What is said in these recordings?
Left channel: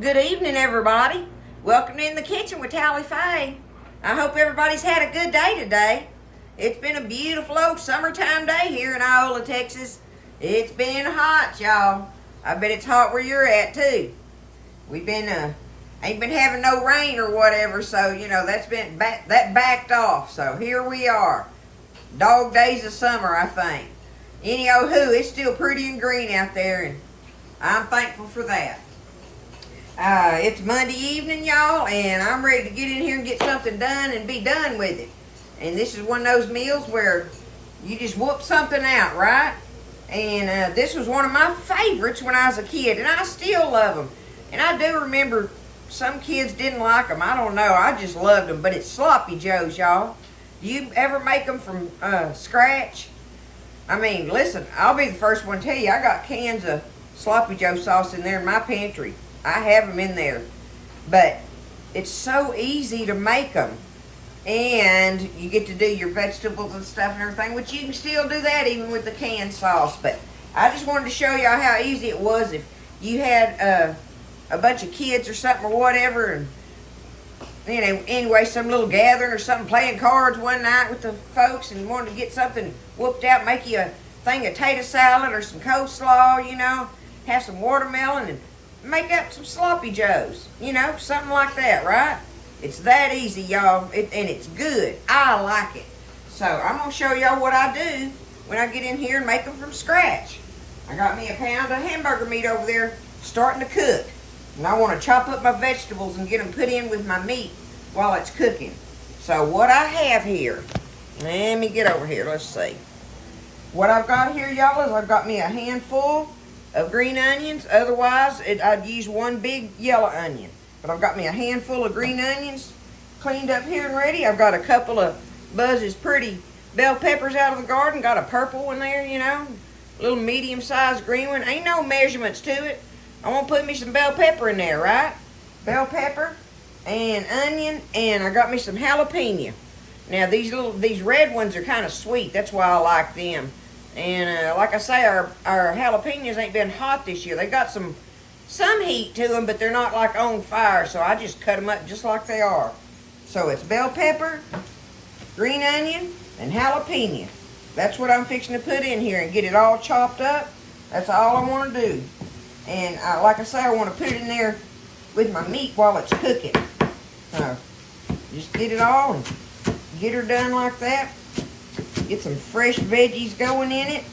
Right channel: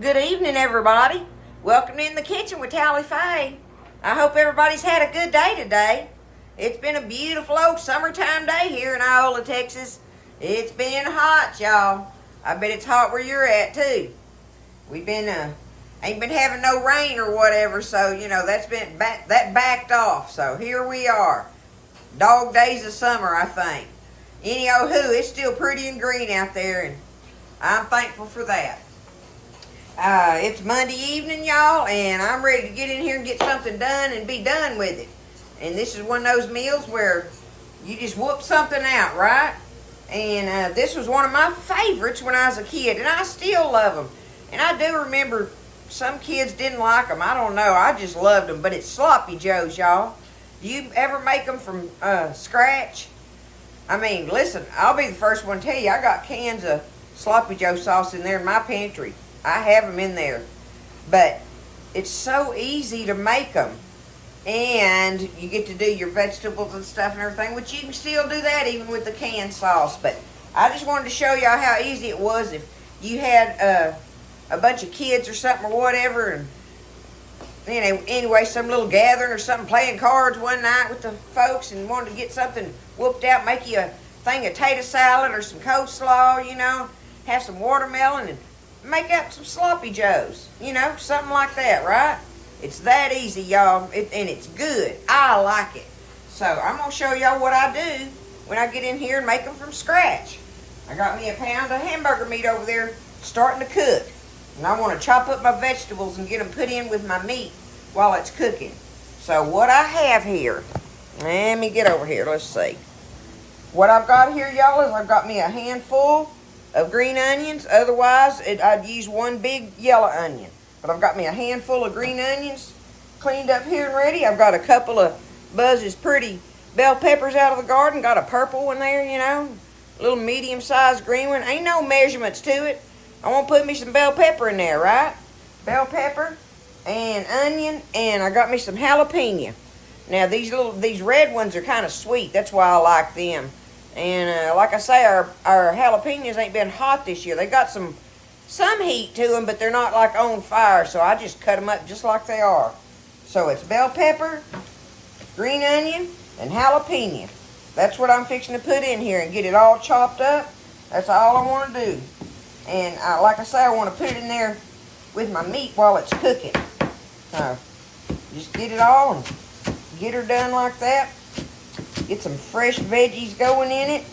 Good evening, everybody. Welcome in the kitchen with Tally Faye. I hope everybody's had a good day today. It's been a beautiful old summertime day here in Iola, Texas. It's been hot, y'all. I bet it's hot where you're at too. We've been ain't been having no rain or whatever, so that's been that backed off. So here we are, dog days of summer, I think. Anyhow, it's still pretty and green out there, and I'm thankful for that. It's Monday evening, y'all, and I'm ready to get in here and get something done and be done with it. And this is one of those meals where you just whoop something out, right? And this was one of my favorites when I was a kid, and I still love them. And I do remember some kids didn't like them. I don't know. I just loved them. But it's sloppy joes, y'all. You ever make them from scratch? I mean, listen, I'll be the first one to tell you, I got cans of sloppy joe sauce in there in my pantry. I have them in there, but it's so easy to make them, and you get to do your vegetables and stuff and everything, which you can still do that even with the canned sauce. But I just wanted to show y'all how easy it was if you had a bunch of kids or something or whatever, and anyway, some little gathering or something, playing cards one night with the folks and wanted to get something whooped out, make you a thing of tater salad or some coleslaw, have some watermelon and make up some sloppy joes, something like that, right? It's that easy, y'all, and it's good. I like it. So I'm going to show y'all what I do when I get in here and make them from scratch. I got me a pound of hamburger meat over there starting to cook. And I want to chop up my vegetables and get them put in with my meat while it's cooking. So what I have here, let me get over here, let's see. What I've got here, y'all, is I've got me a handful of green onions. Otherwise, I'd use one big yellow onion. But I've got me a handful of green onions cleaned up here and ready. I've got a couple of Buzz's pretty bell peppers out of the garden. Got a purple one there, a little medium-sized green one. Ain't no measurements to it. I want to put me some bell pepper in there, right? Bell pepper and onion, and I got me some jalapeno. Now, these red ones are kind of sweet. That's why I like them. And like I say, our jalapenos ain't been hot this year. They got some heat to them, but they're not like on fire. So I just cut them up just like they are. So it's bell pepper, green onion, and jalapeno. That's what I'm fixing to put in here and get it all chopped up. That's all I want to do. And like I say, I want to put it in there with my meat while it's cooking. So just get it all and get her done like that. Get some fresh veggies going in it.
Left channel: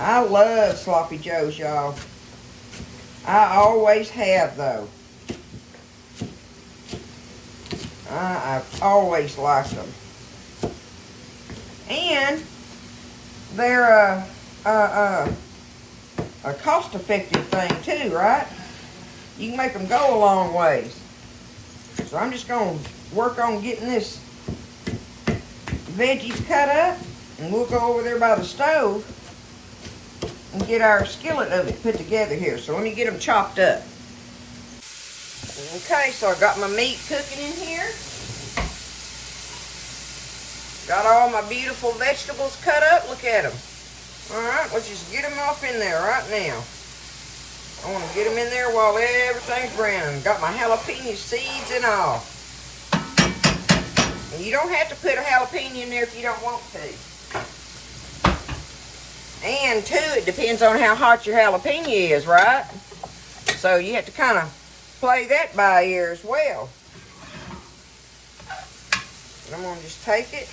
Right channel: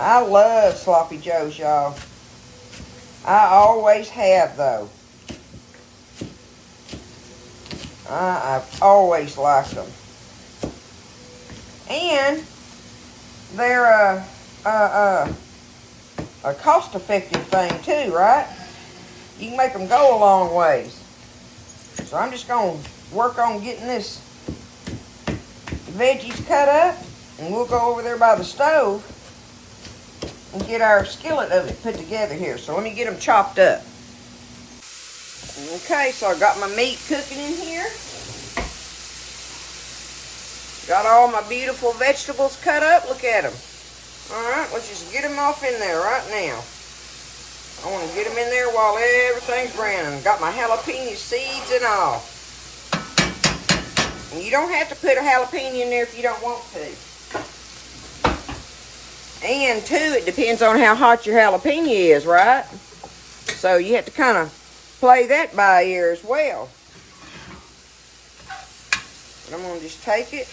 I love sloppy joes, y'all. I always have, though. I've always liked them. And they're a cost-effective thing, too, right? You can make them go a long ways. So I'm just going to work on getting this veggies cut up, and we'll go over there by the stove and get our skillet of it put together here. So let me get them chopped up. Okay, so I got my meat cooking in here. Got all my beautiful vegetables cut up. Look at them. Alright, let's just get them off in there right now. I want to get them in there while everything's browning. Got my jalapeno seeds and all. And you don't have to put a jalapeno in there if you don't want to. And too, it depends on how hot your jalapeno is, right? So you have to kind of play that by ear as well. And I'm going to just take it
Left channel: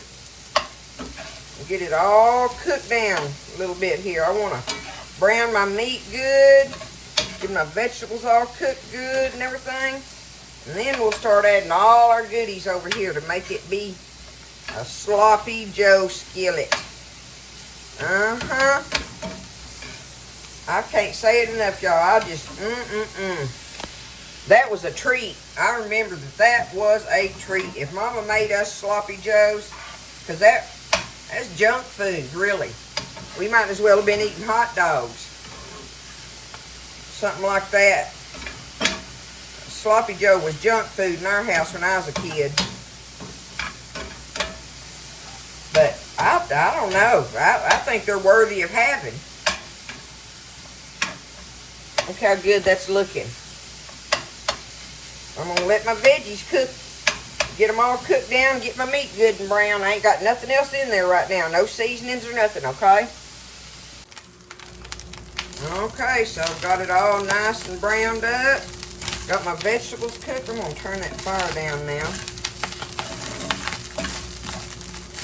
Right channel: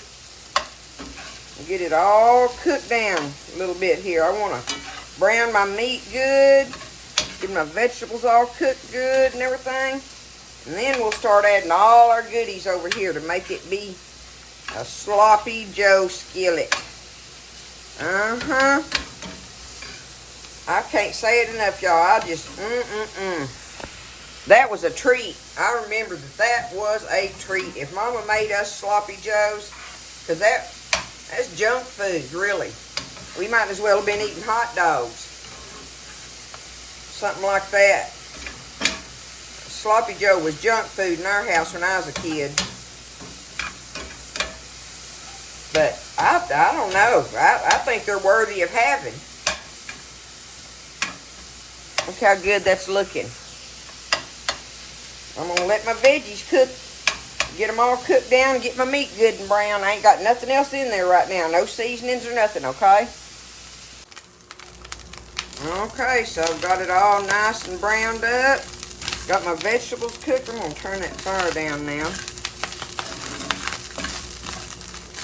and get it all cooked down a little bit here. I want to brown my meat good, get my vegetables all cooked good and everything. And then we'll start adding all our goodies over here to make it be a sloppy joe skillet. I can't say it enough, y'all. I just, That was a treat. I remember that was a treat. If Mama made us sloppy joes, because that's junk food, really. We might as well have been eating hot dogs. Something like that. Sloppy joe was junk food in our house when I was a kid. But I don't know. I think they're worthy of having. Look how good that's looking. I'm going to let my veggies cook. Get them all cooked down. Get my meat good and brown. I ain't got nothing else in there right now. No seasonings or nothing, okay? Okay, so I've got it all nice and browned up. Got my vegetables cooked. I'm going to turn that fire down now.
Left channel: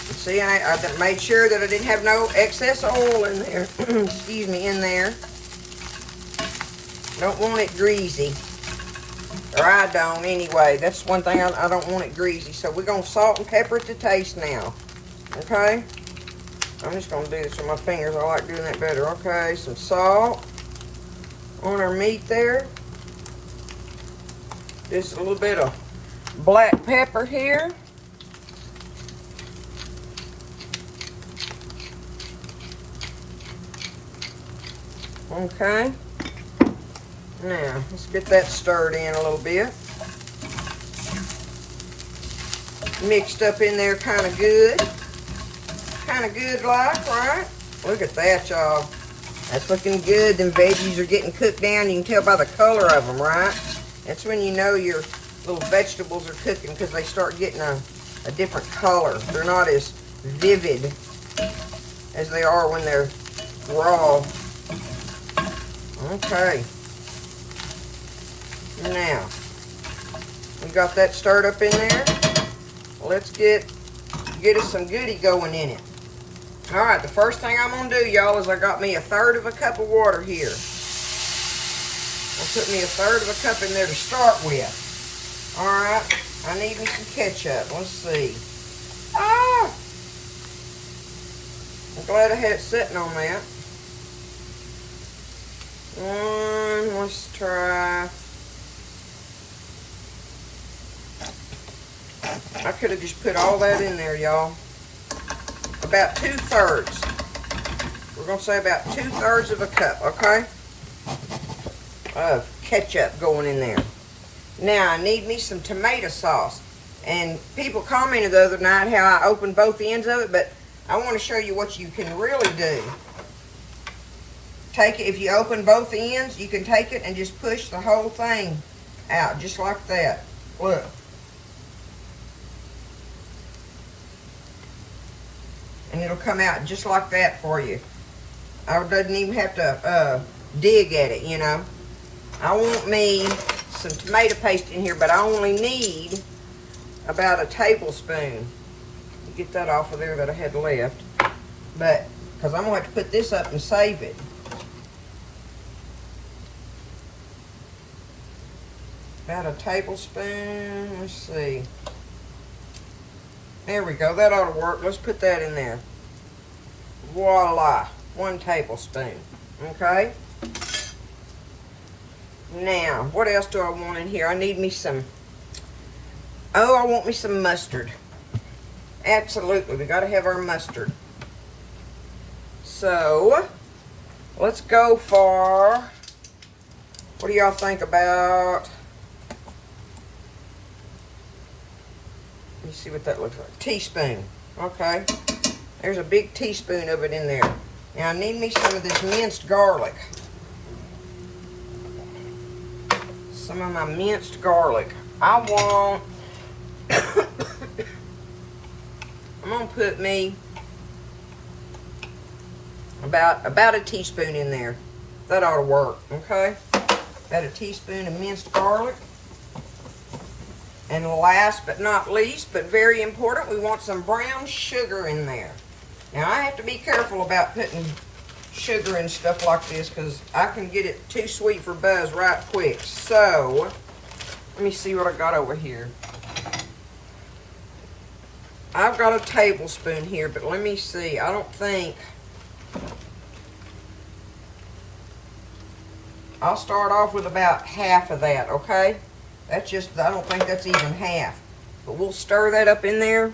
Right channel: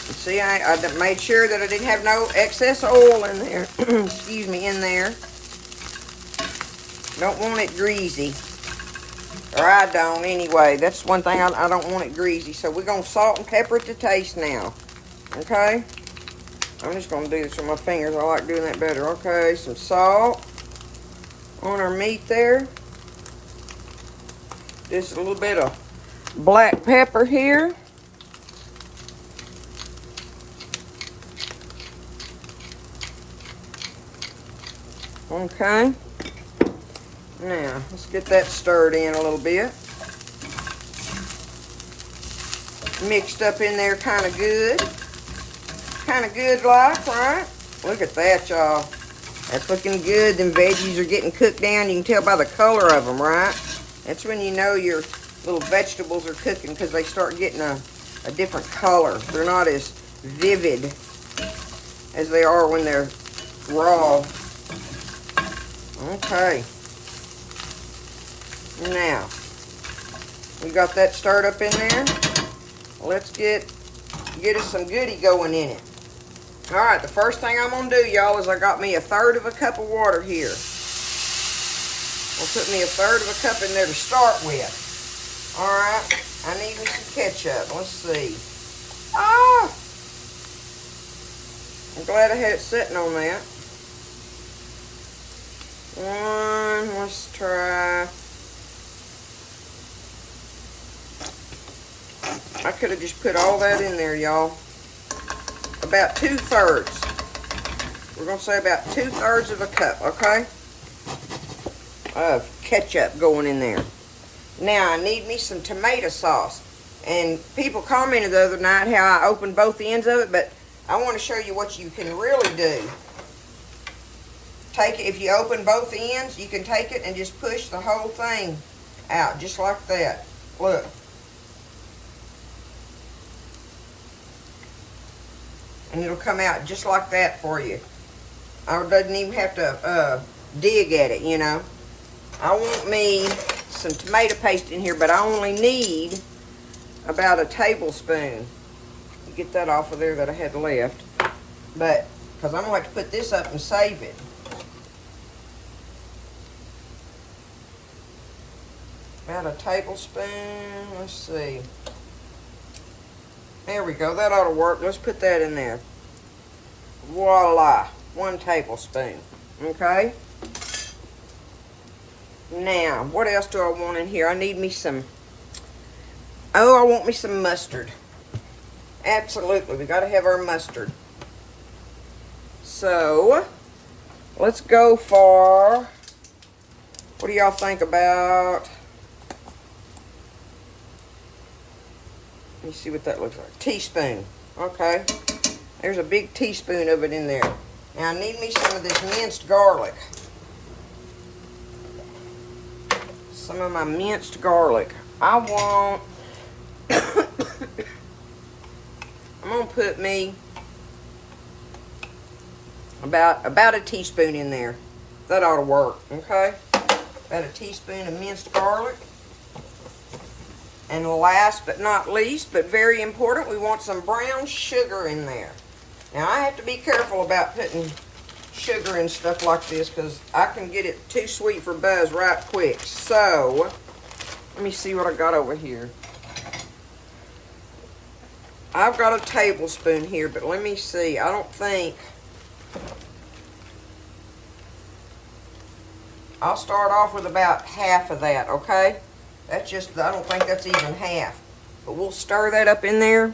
You see, I made sure that I didn't have no excess oil in there. Excuse me, in there. Don't want it greasy. Or I don't anyway. That's one thing, I don't want it greasy. So we're going to salt and pepper it to taste now. Okay? I'm just going to do this with my fingers. I like doing that better. Okay, some salt on our meat there. Just a little bit of black pepper here. Okay. Now, let's get that stirred in a little bit. Mixed up in there kind of good. Kind of good like, right? Look at that, y'all. That's looking good. Them veggies are getting cooked down. You can tell by the color of them, right? That's when you know your little vegetables are cooking, because they start getting a different color. They're not as vivid as they are when they're raw. Okay. Now, we got that stirred up in there. Let's get us some goodie going in it. All right, the first thing I'm going to do, y'all, is I got me 1/3 of a cup of water here. I'll put me 1/3 of a cup in there to start with. All right, I need me some ketchup. Let's see. Ah! I'm glad I had it sitting on that. Let's try. I could have just put all that in there, y'all. About 2/3. We're going to say about 2/3 of a cup, okay? Of ketchup going in there. Now, I need me some tomato sauce. And people commented the other night how I opened both ends of it, but I want to show you what you can really do. Take it, if you open both ends, you can take it and just push the whole thing out, just like that. Look. And it'll come out just like that for you. I doesn't even have to dig at it, you know. I want me some tomato paste in here, but I only need about a tablespoon. Get that off of there that I had left. But, because I'm going to have to put this up and save it. About a tablespoon, let's see. There we go, that ought to work. Let's put that in there. Voila, 1 tablespoon, okay? Now, what else do I want in here? I need me some, I want me some mustard. Absolutely, we gotta have our mustard. So, let's go for, what do y'all think about, let me see what that looks like. Teaspoon. Okay. There's a big teaspoon of it in there. Now I need me some of this minced garlic. Some of my minced garlic. I'm gonna put me about a teaspoon in there. That ought to work. Okay. About a teaspoon of minced garlic. And last but not least, but very important, we want some brown sugar in there. Now, I have to be careful about putting sugar and stuff like this, because I can get it too sweet for Buzz right quick. So, let me see what I got over here. I've got a tablespoon here, but let me see. I don't think... I'll start off with about half of that, okay? That's just, I don't think that's even half. But we'll stir that up in there.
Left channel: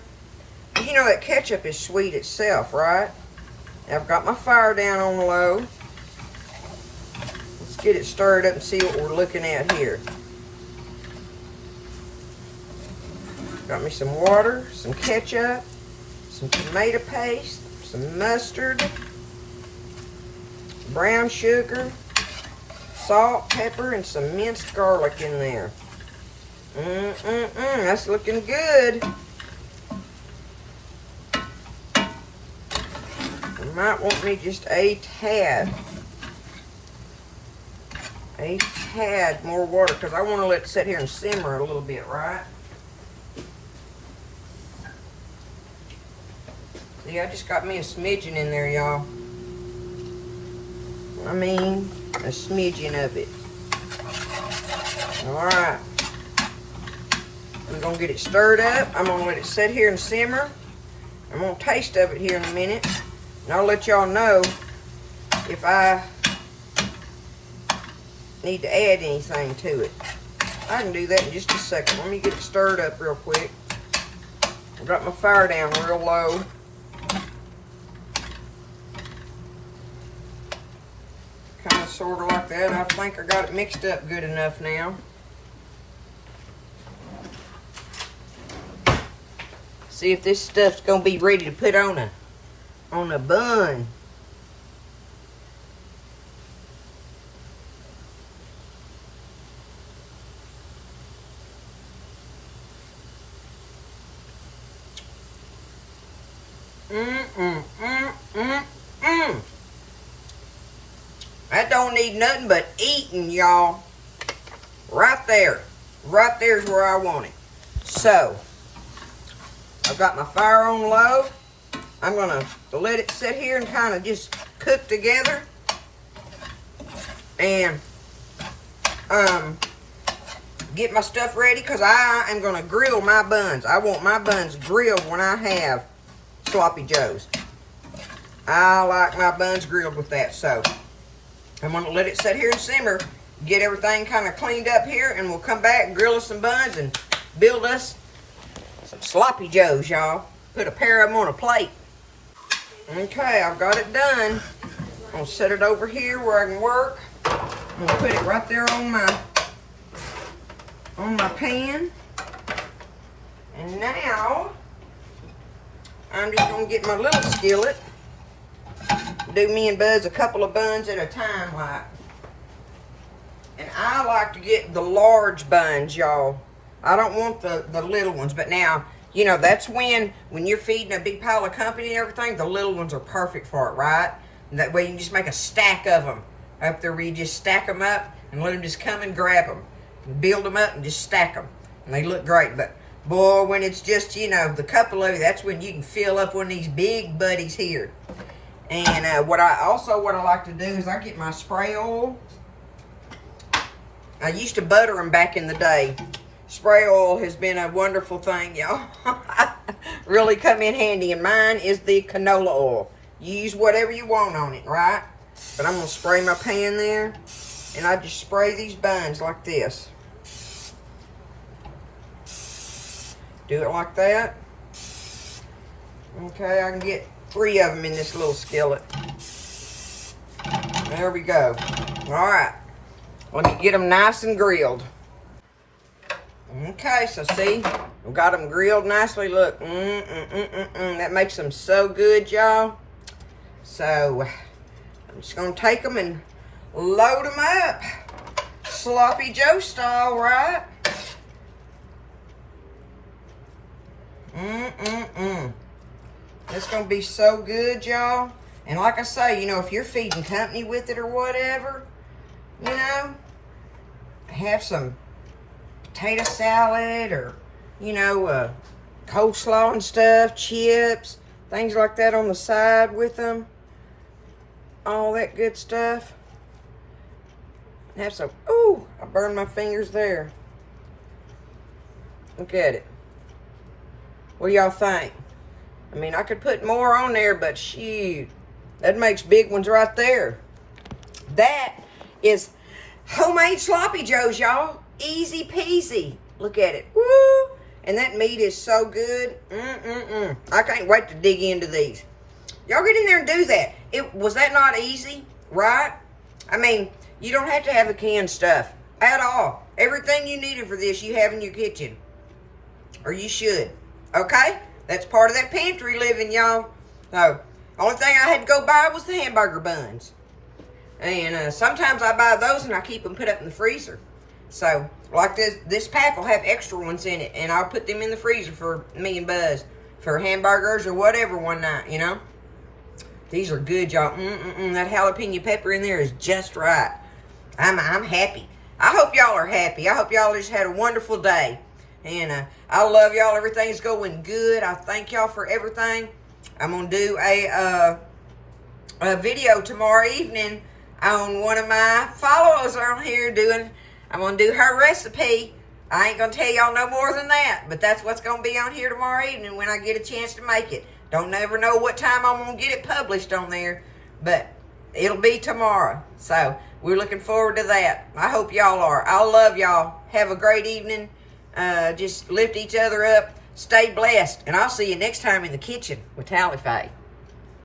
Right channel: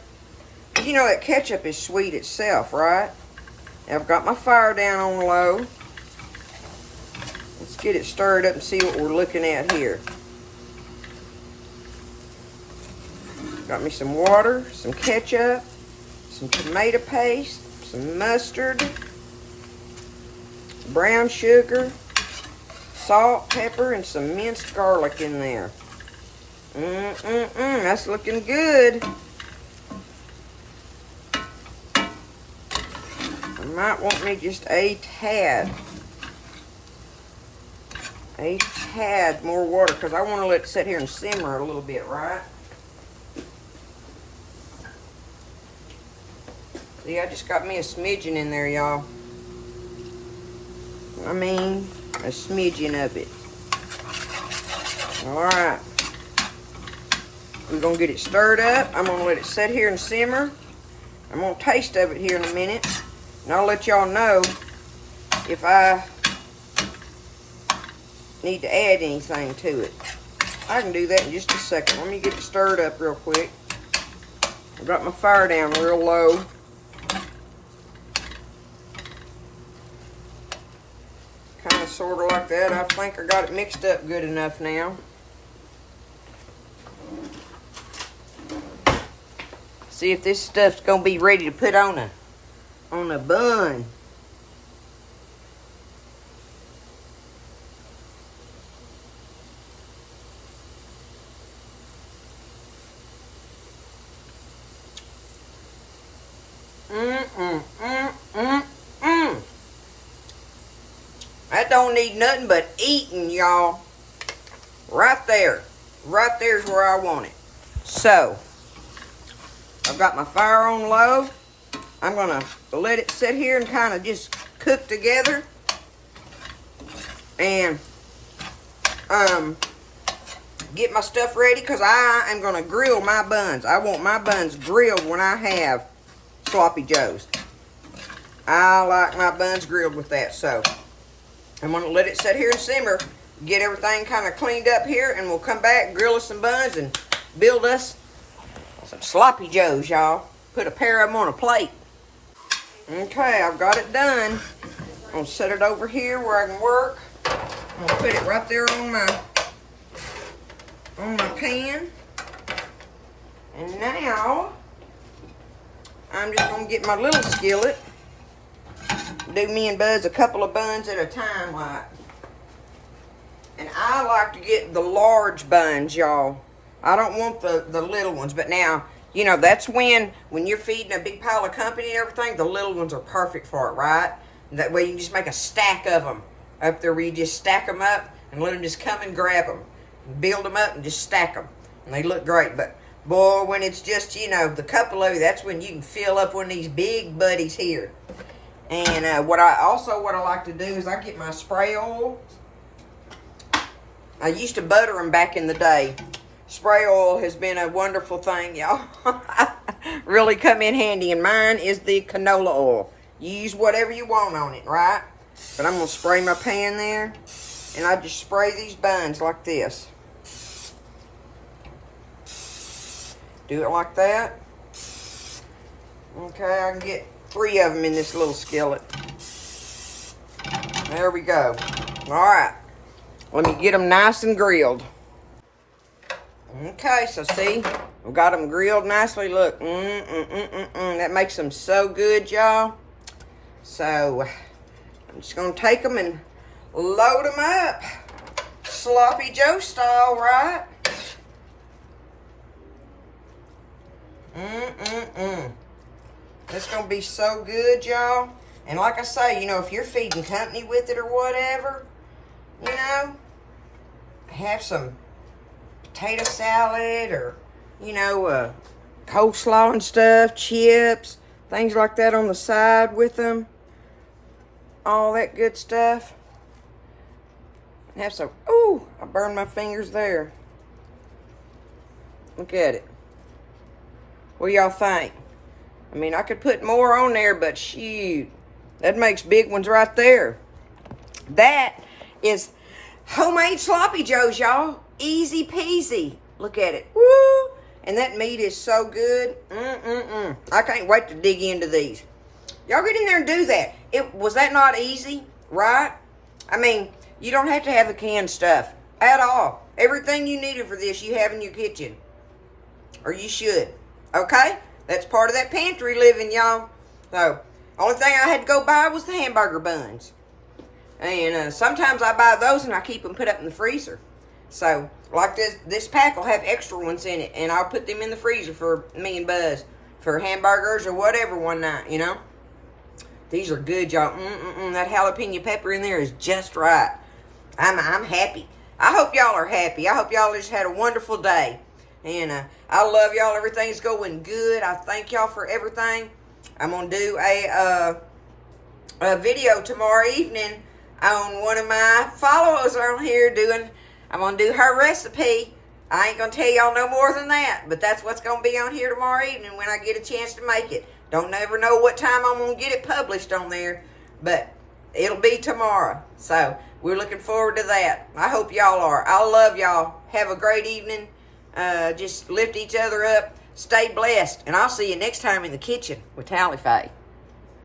You know that ketchup is sweet itself, right? Now I've got my fire down on low. Let's get it stirred up and see what we're looking at here. Got me some water, some ketchup, some tomato paste, some mustard, brown sugar, salt, pepper, and some minced garlic in there. That's looking good. I might want me just a tad more water, because I want to let it sit here and simmer a little bit, right? See, I just got me a smidgen in there, y'all. I mean, a smidgen of it. Alright. I'm going to get it stirred up. I'm going to let it sit here and simmer. I'm going to taste of it here in a minute. And I'll let y'all know if I need to add anything to it. I can do that in just a second. Let me get it stirred up real quick. I got my fire down real low. Kind of sort of like that. I think I got it mixed up good enough now. See if this stuff's gonna be ready to put on a bun. That don't need nothing but eating, y'all. Right there. Right there's where I want it. So, I've got my fire on low. I'm going to let it sit here and kind of just cook together. And get my stuff ready, because I am going to grill my buns. I want my buns grilled when I have sloppy joes. I like my buns grilled with that. So, I'm going to let it sit here and simmer. Get everything kind of cleaned up here, and we'll come back and grill us some buns and build us some sloppy joes, y'all. Put a pair of them on a plate. Okay, I've got it done. I'm going to set it over here where I can work. I'm going to put it right there on my pan. And now, I'm just going to get my little skillet. Do me and Buzz a couple of buns at a time, like. And I like to get the large buns, y'all. I don't want the little ones. But now, you know, that's when you're feeding a big pile of company and everything, the little ones are perfect for it, right? That way you can just make a stack of them up there, where you just stack them up and let them just come and grab them. Build them up and just stack them. And they look great. But, boy, when it's just, you know, the couple of you, that's when you can fill up one of these big buddies here. And what I like to do is I get my spray oil. I used to butter them back in the day. Spray oil has been a wonderful thing, y'all. Really come in handy. And mine is the canola oil. You use whatever you want on it, right? But I'm going to spray my pan there. And I just spray these buns like this. Do it like that. Okay, I can get 3 of them in this little skillet. There we go. Alright. Let me get them nice and grilled. Okay, so see, we've got them grilled nicely. Look, that makes them so good, y'all. So, I'm just going to take them and load them up. Sloppy Joe style, right? It's going to be so good, y'all. And like I say, you know, if you're feeding company with it or whatever, you know, have some potato salad or, you know, coleslaw and stuff, chips, things like that on the side with them. All that good stuff. Have some, ooh, I burned my fingers there. Look at it. What do y'all think? I mean, I could put more on there, but shoot, that makes big ones right there. That is homemade sloppy joes, y'all. Easy peasy. Look at it. Woo! And that meat is so good. I can't wait to dig into these. Y'all get in there and do that. Was that not easy? Right? I mean, you don't have to have the canned stuff at all. Everything you needed for this, you have in your kitchen. Or you should. Okay? That's part of that pantry living, y'all. So, only thing I had to go buy was the hamburger buns. And sometimes I buy those and I keep them put up in the freezer. So, like this pack will have extra ones in it, and I'll put them in the freezer for me and Buzz for hamburgers or whatever one night, you know. These are good, y'all. That jalapeno pepper in there is just right. I'm happy. I hope y'all are happy. I hope y'all just had a wonderful day. And I love y'all. Everything's going good. I thank y'all for everything. I'm going to do a video tomorrow evening on one of my followers on here I'm going to do her recipe. I ain't going to tell y'all no more than that, but that's what's going to be on here tomorrow evening when I get a chance to make it. Don't never know what time I'm going to get it published on there, but it'll be tomorrow. So we're looking forward to that. I hope y'all are. I love y'all. Have a great evening. Just lift each other up. Stay blessed. And I'll see you next time in the kitchen with Tally Faye.